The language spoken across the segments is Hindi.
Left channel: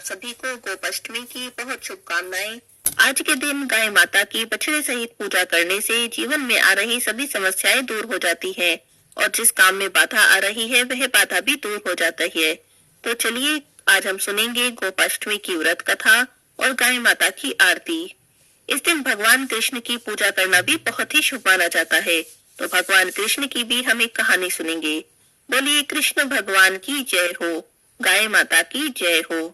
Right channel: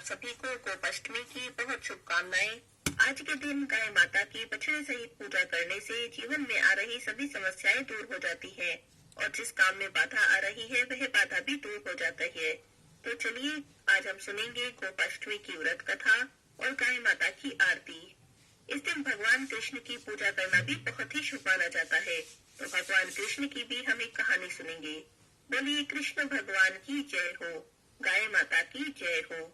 आप सभी को गोपाष्टमी की बहुत शुभकामनाएं। आज के दिन गाय माता की बछड़े सहित पूजा करने से जीवन में आ रही सभी समस्याएं दूर हो जाती हैं और जिस काम में बाधा आ रही है वह बाधा भी दूर हो जाता है। तो चलिए आज हम सुनेंगे गोपाष्टमी की व्रत कथा और गाय माता की आरती। इस दिन भगवान कृष्ण की पूजा करना भी बहुत ही शुभ माना जाता है। तो भगवान कृष्ण की भी हम एक कहानी सुनेंगे। बोलिए कृष्ण भगवान की जय हो, गाय माता की जय हो।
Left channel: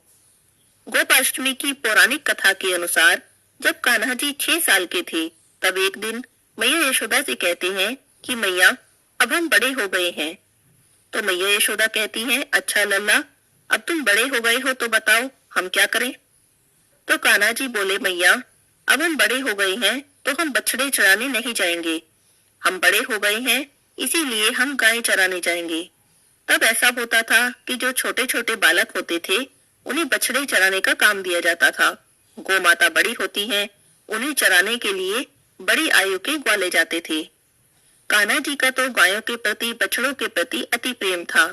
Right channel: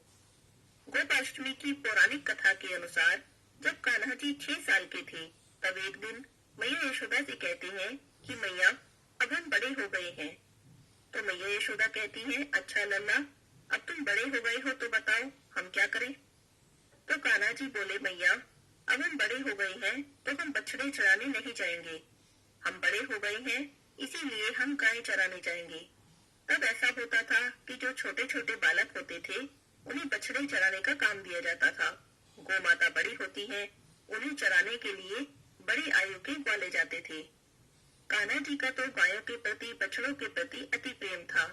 गोपाष्टमी की पौराणिक कथा के अनुसार जब कान्हा जी 6 साल के थे तब एक दिन मैया यशोदा से कहते हैं कि मैया अब हम बड़े हो गए हैं। तो मैया यशोदा कहती हैं, अच्छा लल्ला, अब तुम बड़े हो गए हो तो बताओ हम क्या करें। तो कान्हा जी बोले, मैया अब हम बड़े हो गए हैं तो हम बछड़े चराने नहीं जाएंगे। हम बड़े हो गए हैं इसीलिए हम गाय चराने जाएंगे। तब ऐसा होता था कि जो छोटे छोटे बालक होते थे उन्हें बछड़े चराने का काम दिया जाता था। गौ माता बड़ी होती हैं, उन्हें चराने के लिए बड़ी आयु के ग्वाले जाते थे। कान्हा जी का तो गायों के प्रति, बछड़ों के प्रति अति प्रेम था,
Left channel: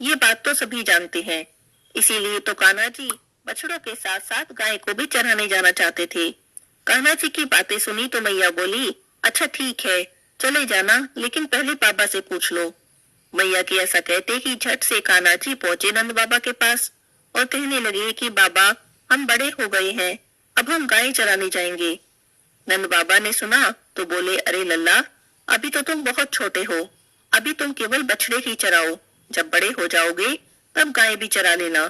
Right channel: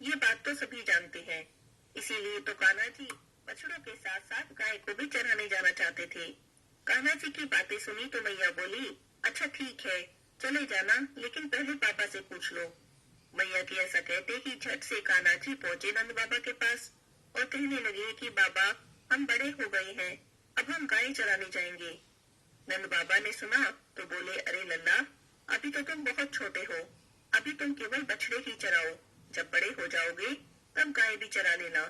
ये बात तो सभी जानते हैं। इसीलिए तो कान्हा जी बछड़ों के साथ साथ गाय को भी चराने जाना चाहते थे। कान्हा जी की बातें सुनी तो मैया बोली, अच्छा ठीक है चले जाना, लेकिन पहले पापा से पूछ लो। मैया के ऐसा कहते ही झट से कान्हा जी पहुंचे नंद बाबा के पास और कहने लगे कि बाबा हम बड़े हो गए हैं, अब हम गाय चराने जाएंगे। नंद बाबा ने सुना तो बोले, अरे लल्ला, अभी तो तुम बहुत छोटे हो, अभी तुम केवल बछड़े ही चराओ, जब बड़े हो जाओगे तब गाय भी चरा लेना।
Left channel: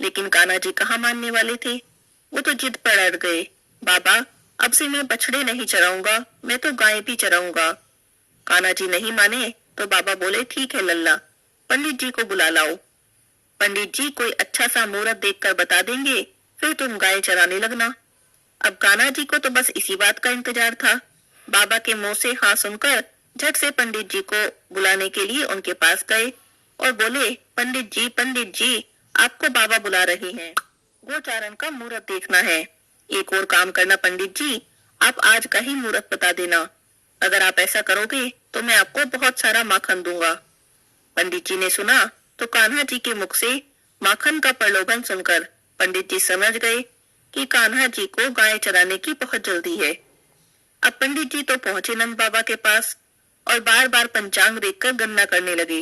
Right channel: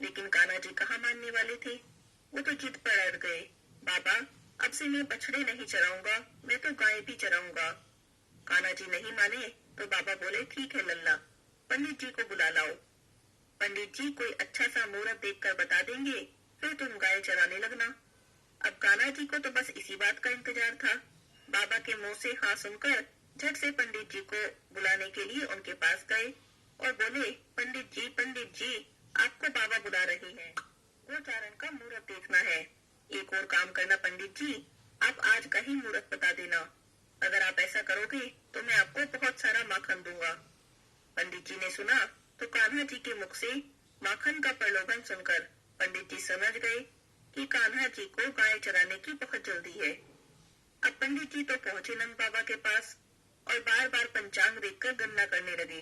लेकिन कान्हा जी कहाँ मानने वाले थे, वो तो जिद पर अड़ गए, बाबा अब से मैं बछड़े नहीं चराऊंगा, मैं तो गाय भी चराऊंगा। कान्हा जी नहीं माने तो बाबा बोले, ठीक है लल्ला, पंडित जी को बुला लाओ। पंडित जी कोई अच्छा सा मुहूर्त देखकर बता देंगे, फिर तुम गाय चराने लगना। अब कान्हा जी को तो बस इसी बात का इंतजार था। बाबा के मुंह से हाँ सुनकर झट से पंडित जी को बुलाने के लिए उनके पास गए और बोले, पंडित जी आपको बाबा बुला रहे हैं, गोचारण का मुहूर्त देखना है। एक और काम करना पंडित जी, आप आज का ही मुहूर्त बता देना, अगर आप ऐसा करोगे तो मैं आपको बहुत सारा माखन दूंगा। पंडित जी ने सुना तो कान्हा जी के मुख से माखन का प्रलोभन सुनकर पंडित जी समझ गए कि कान्हा जी को गाय चराने की बहुत जल्दी है। अब पंडित जी तो पहुंचे नंद बाबा के पास और बार बार पंचांग देखकर गणना करने लगे।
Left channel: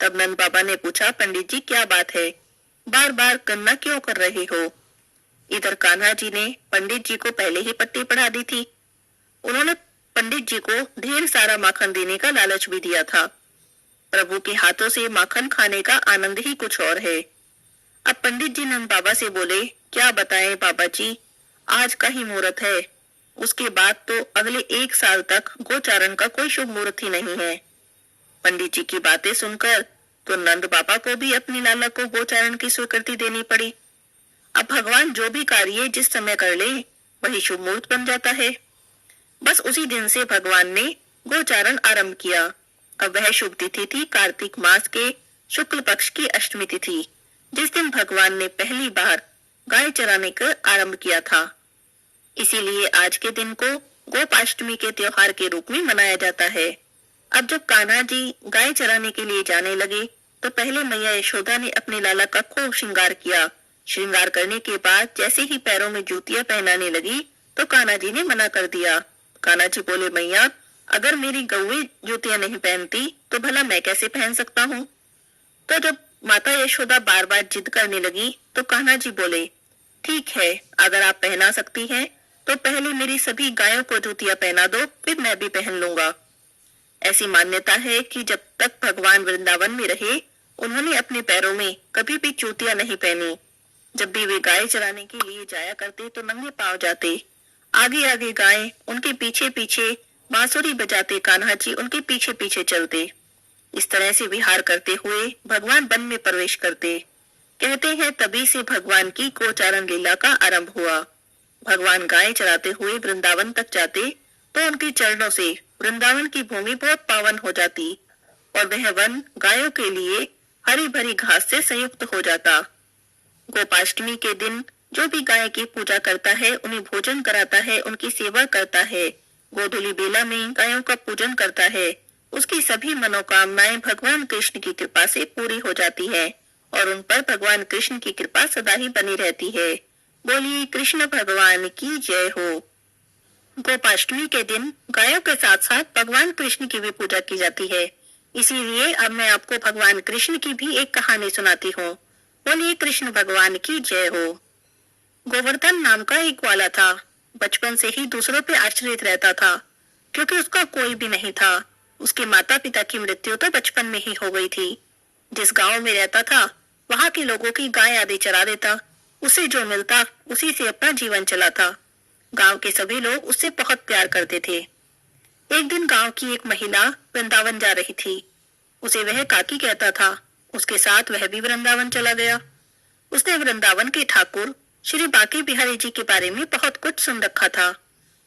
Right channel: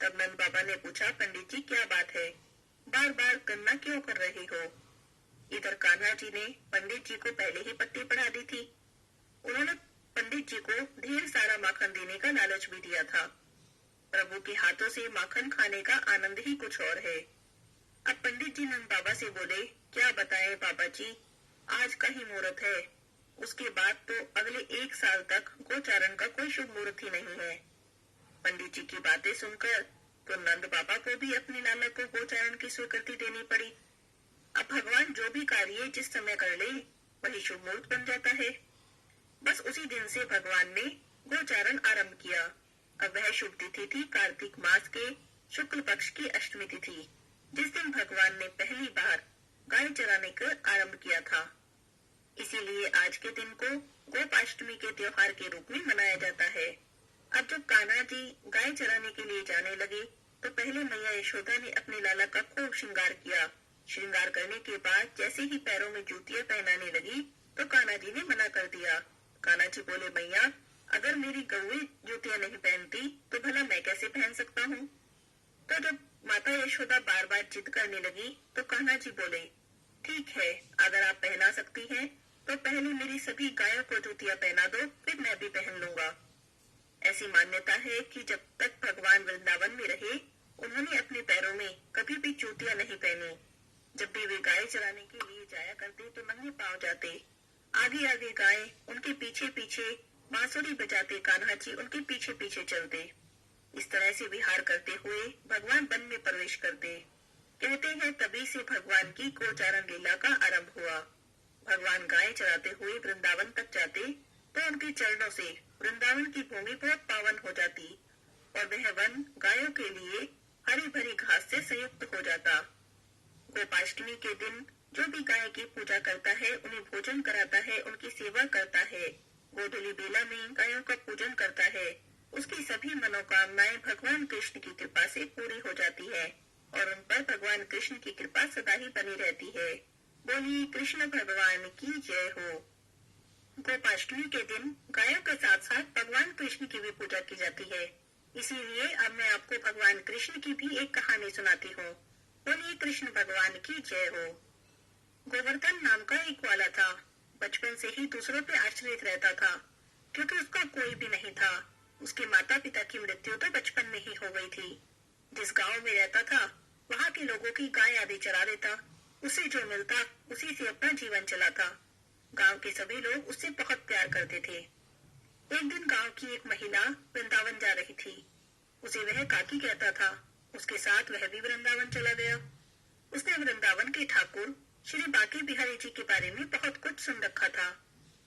तब नंद बाबा ने पूछा, पंडित जी क्या बात है, बार बार गणना क्यों कर रहे हो। इधर कान्हा जी ने पंडित जी को पहले ही पट्टी पढ़ा दी थी। उन्होंने पंडित जी को ढेर सारा माखन देने का लालच भी दिया था। प्रभु के हाथों से माखन खाने का आनंद ही कुछ और है। अब पंडित जी नंद बाबा से बोले, क्या बताएं बाबा जी, आज का ही मुहूर्त है, उसके बाद तो अगले 1 साल तक गोचारण का कोई शुभ मुहूर्त ही नहीं है। पंडित जी की बातें सुनकर तो नंद बाबा को भी अपनी लाला को गोचारण की स्वीकृति देनी पड़ी। अब भगवान जो भी कार्य जिस समय कर ले वही शुभ मुहूर्त बन जाता है। बस उसी दिन से भगवान ने गोचारण आरंभ किया। अब वह शुभ तिथि थी कार्तिक मास के शुक्ल पक्ष की अष्टमी तिथि, जिस दिन भगवान ने पहली बार गाय चराने का आरंभ किया था। इसीलिए आज के दिन को गोपाष्टमी के त्योहार के रूप में मनाया जाता है। अब जब कान्हा जी गाय चराने के लिए जाने लगे तो पहले मैया यशोदा ने अपने लाला का खूब श्रृंगार किया। श्रृंगार करने के बाद जैसे ही पैरों में जूतियां पहनाने लगी तो कान्हा जी ने मना कर दिया। कान्हा जी बोले, मैया अगर मेरी गौएं जूतियां नहीं पहनती तो भला मैं कैसे पहन सकता हूँ। तो जब माता यशोदा बार बार जिद करने लगी तो कान्हा जी बोले, ठीक है अगर आप पहना सकती हैं तो पहले मेरी सभी गायों को जूतियां पहना दो, फिर मैं भी पहन लूंगा। ऐसी मान्यता है कि जब तक भगवान वृंदावन में रहे उन्होंने अपने पैरों में कभी भी जूतियां नहीं पहनी। जब भी वे गाय चराने के लिए जाया करते तो नंगे पांव जाते, आगे आगे गाय, उनके पीछे पीछे बांसुरी बजाते कान्हा जी उनके पीछे पीछे चलते। इस तरह से विहार करते हुए भगवान वन में प्रवेश करते। कहते हैं तभी से भगवान की गोचारण लीला का आरंभ हुआ। भगवान गाय चराते हुए वृंदावन तक जाते तो उनके चरणों से वृंदावन की भूमि बहुत पावन हो जाती और वह वन गायों के लिए हरी भरी घास से संयुक्त हो जाता। गोपाष्टमी के दिन जो भी गाय की पूजा करता है उन्हें भोजन कराता है, उनकी सेवा करता है, गोधूली बेला में गायों का पूजन करता है, उसकी सभी मनोकामनाएं भगवान कृष्ण की कृपा से पूरी हो जाती है और उन पर भगवान कृष्ण की कृपा सदा ही बनी रहती है। बोलिए कृष्ण भगवान की जय हो। गोपाष्टमी के दिन गायों के साथ साथ भगवान कृष्ण की भी पूजा की जाती है। इसीलिए अब मैं आपको भगवान कृष्ण की भी एक कहानी सुनाती हूँ। बोलिए कृष्ण भगवान की जय हो। गोवर्धन नाम का एक ग्वाला था। बचपन से ही दूसरों पे आश्रित रहता था, क्योंकि उसका कोई भी नहीं था। उसके माता पिता की मृत्यु तो बचपन में ही हो गई थी। जिस गांव में रहता था, वहां के लोगों की गाय आदि चरा देता। उसे जो मिलता उसी से अपना जीवन चलाता। गांव के सभी लोग उससे बहुत प्यार करते थे। एक दिन गांव की एक महिला वृंदावन जा रही थी। उसे वह काकी कहता था। उसके साथ वह भी वृंदावन चला गया। उसने वृंदावन के ठाकुर श्री बांके बिहारी जी के बारे में बहुत कुछ सुन रखा था।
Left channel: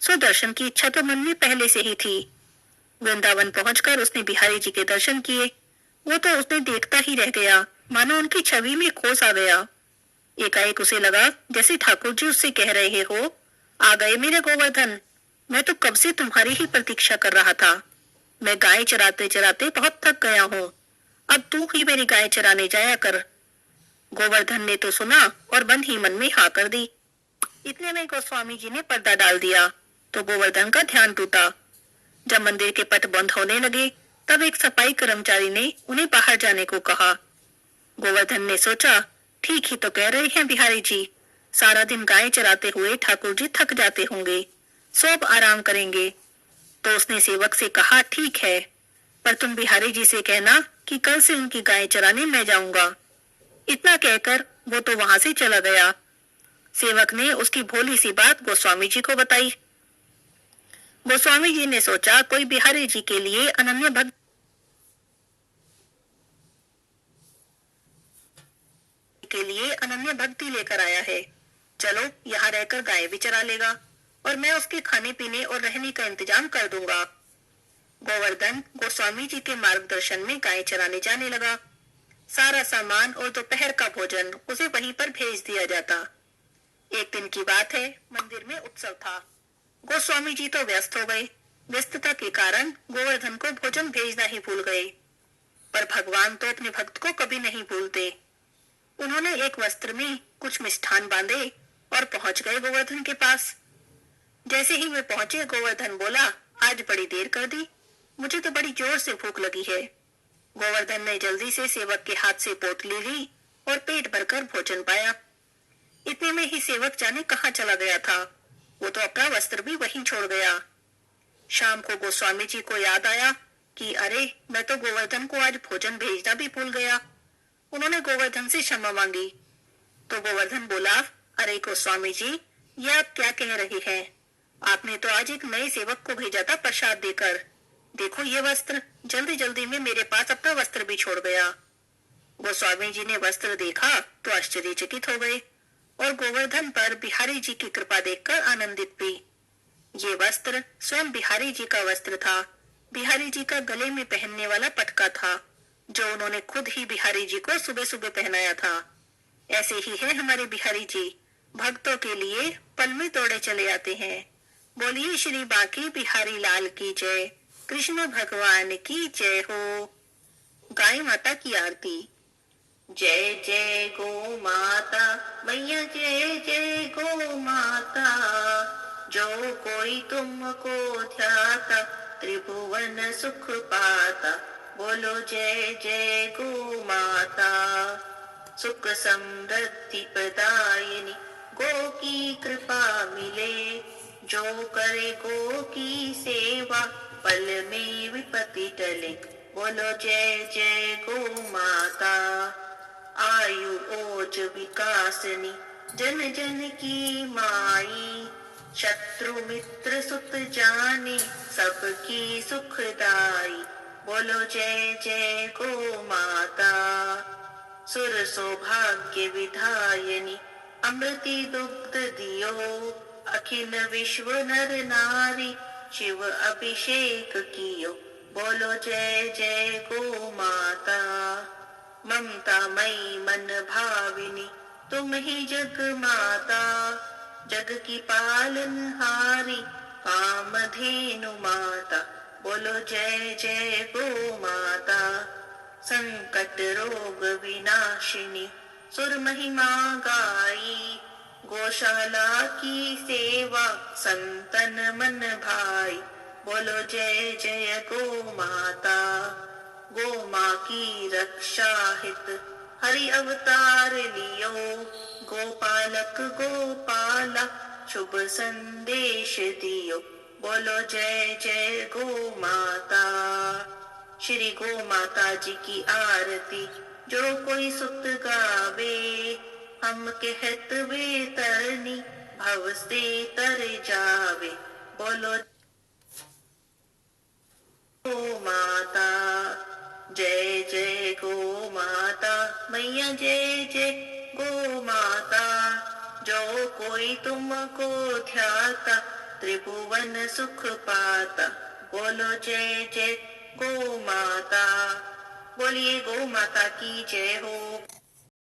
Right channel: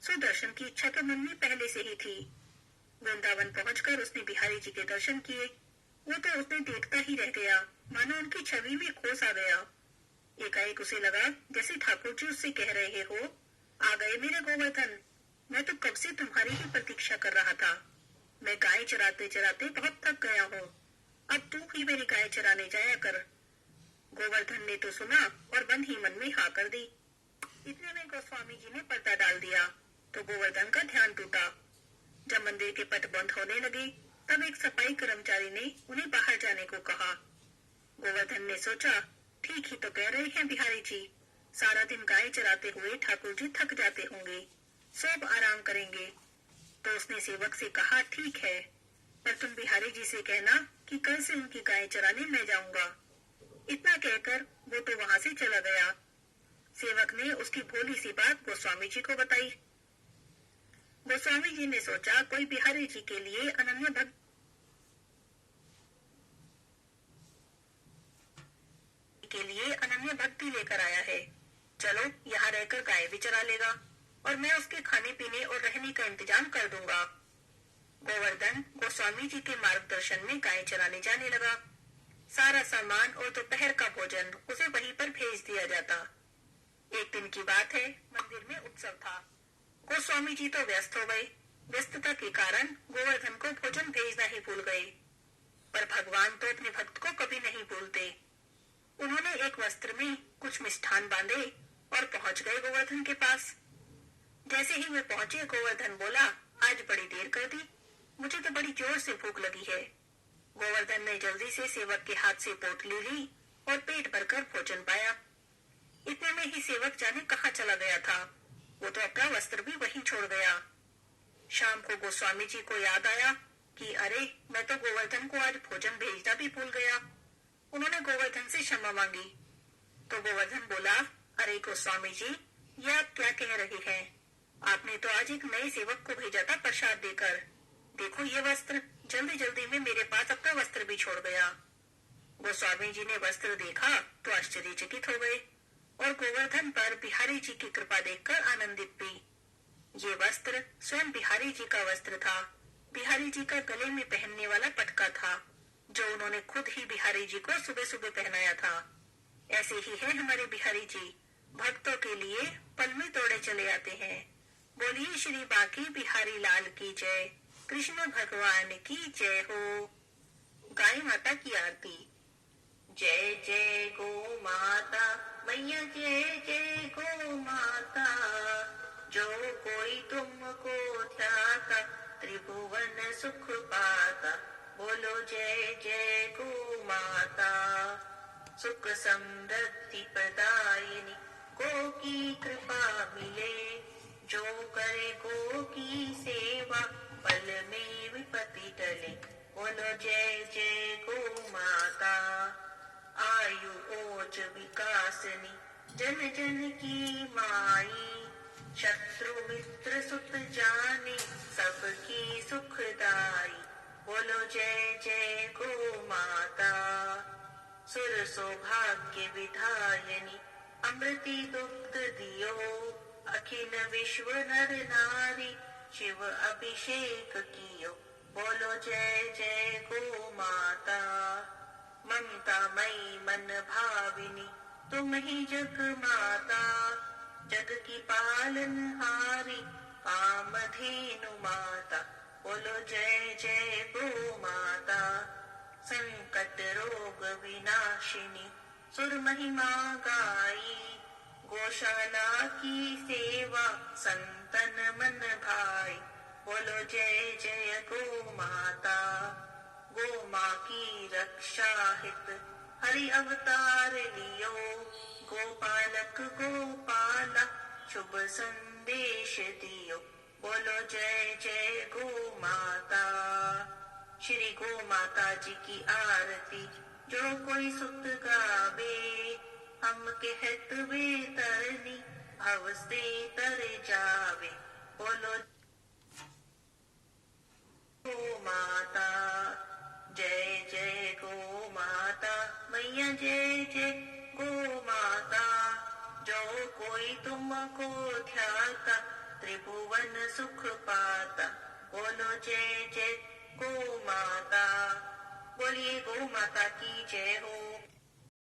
सो दर्शन की इच्छा तो मन में पहले से ही थी। वृंदावन पहुंचकर उसने बिहारी जी के दर्शन किए। वो तो उसने देखता ही रह गया, मानो उनकी छवि में खो सा गया। एकाएक उसे लगा जैसे ठाकुर जी उससे कह रहे हो, आ गए मेरे गोवर्धन, मैं तो कब से तुम्हारी ही प्रतीक्षा कर रहा था। मैं गाय चराते चराते बहुत थक गया हूँ। अब तू ही मेरी गाय चराने जाया कर। गोवर्धन ने तो सुना और मन ही मन में हाँ कर दी। इतने में गोस्वामी जी ने पर्दा डाल दिया तो गोवर्धन का ध्यान टूटा। जब मंदिर के पट बंद होने लगे, तब एक सफाई कर्मचारी ने उन्हें बाहर जाने को कहा। गोवर्धन ने सोचा, ठीक ही तो कह रहे हैं बिहारी जी, सारा दिन गाय चराते हुए ठाकुर जी थक जाते होंगे, सो अब आराम करेंगे। तो उसने सेवक से कहा, ठीक है, पर तुम बिहारी जी से कहना कि कल से उनकी गाय चराने मैं जाऊंगा। इतना कहकर वो तो वहां से चला गया। सेवक ने उसकी भोली सी बात गोस्वामी जी को बताई। गोस्वामी जी ने सोचा, कोई बिहारी जी के लिए अनन्य भक्ति लेकर आया है। चलो यहाँ रहकर गाय भी चरा लेगा और मैं उसके खाने पीने और रहने का इंतजाम कर दूंगा। गोवर्धन गोस्वामी जी के मार्गदर्शन में गाय चराने जाने लगा। सारा सामान और दोपहर का भोजन उसे वहीं पर भेज दिया जाता। एक दिन की बात है, मंदिर में उत्सव था। गोस्वामी जी तो व्यस्त हो गए। व्यस्तता के कारण गोवर्धन को भोजन भेजना ही भूल गए। पर भगवान तो अपने भक्त को कभी नहीं भूलते। उन्होंने एक वस्त्र में कुछ मिष्ठान बांधे और पहुंच गए गोवर्धन के पास। जैसे ही वे पहुंचे, गोवर्धन बोला, आज बड़ी देर कर दी, मुझे तो बड़ी जोर से भूख लगी है। गोवर्धन ने जल्दी से सेवक के हाथ से पोटली ली और पेट भरकर भोजन पाया। इतने में ही सेवक जाने कहाँ चला गया था। वो तो अपना वस्त्र भी वहीं छोड़ गया। शाम को गोस्वामी जी को याद आया कि अरे, मैं तो गोवर्धन को आज भोजन भेजना भी भूल गया। उन्होंने गोवर्धन से क्षमा मांगी। तो गोवर्धन बोला, अरे गोस्वामी जी, ये आप क्या कह रहे हैं? आपने तो आज एक नए सेवक को भेजा था प्रसाद देकर। देखो ये वस्त्र, जल्दी जल्दी में मेरे पास अपना वस्त्र भी छोड़ गया। गोस्वामी जी ने वस्त्र देखा तो आश्चर्यचकित हो गए और गोवर्धन पर बिहारी जी की कृपा देखकर आनंदित भी। ये वस्त्र स्वयं बिहारी जी का वस्त्र था। बिहारी जी का गले में पहनने वाला पटका था, जो उन्होंने खुद ही बिहारी जी को सुबह सुबह पहनाया था। ऐसे ही है हमारे बिहारी जी, भक्तों के लिए पल में तोड़े चले आते हैं। बोलिए श्री बांके बिहारी लाल की जय। कृष्ण भगवान की जय हो। गाय माता की आरती। जय जय गो माता मैया, जय जय गो माता, जो कोई तुमको ध्याता त्रिभुवन सुख पाता। बोलो जय जय गो माता। सुख समृद्धि प्रदायिनी, गो की कृपा मिले, जो करे गो की सेवा, पल में विपत्ति टले। बोलो जय जय गो माता। आयु ओज विकासनी, जन जन की माई, शत्रु मित्र सुख जाने, सबकी सुखदाई। बोलो जय जय गो माता। सुर सौभाग्य विधायनी, अमृति दुग्ध दियो, अखिल विश्व नर नारी, शिव अभिषेक कियो। बोलो जय जय गो माता। ममता मई मन भाविनी, तुम ही जग माता, जग की पालनहारी, कामधेनु माता। बोलो जय जय गो माता। संकट रोग विनाशिनी सुर महिमा गाई। गौशाला की सेवा संतन मन भाई। बोलो जय जय गो माता। गो माँ की रक्षा हित हरि अवतार लियो। गोपालक गोपाला शुभ संदेश दियो। बोलो जय जय गो माता। श्री गो माता जी की आरती जो कोई सुत गावे। हम कहत वे तरनी भव से तर जावे। बोलो गो माता। जय जय गो माता मैया जय जय गो माता। जो कोई तुमको ध्याता त्रिभुवन सुख पाता। बोलो जय जय गो माता। बोलिए गो माता की जय हो।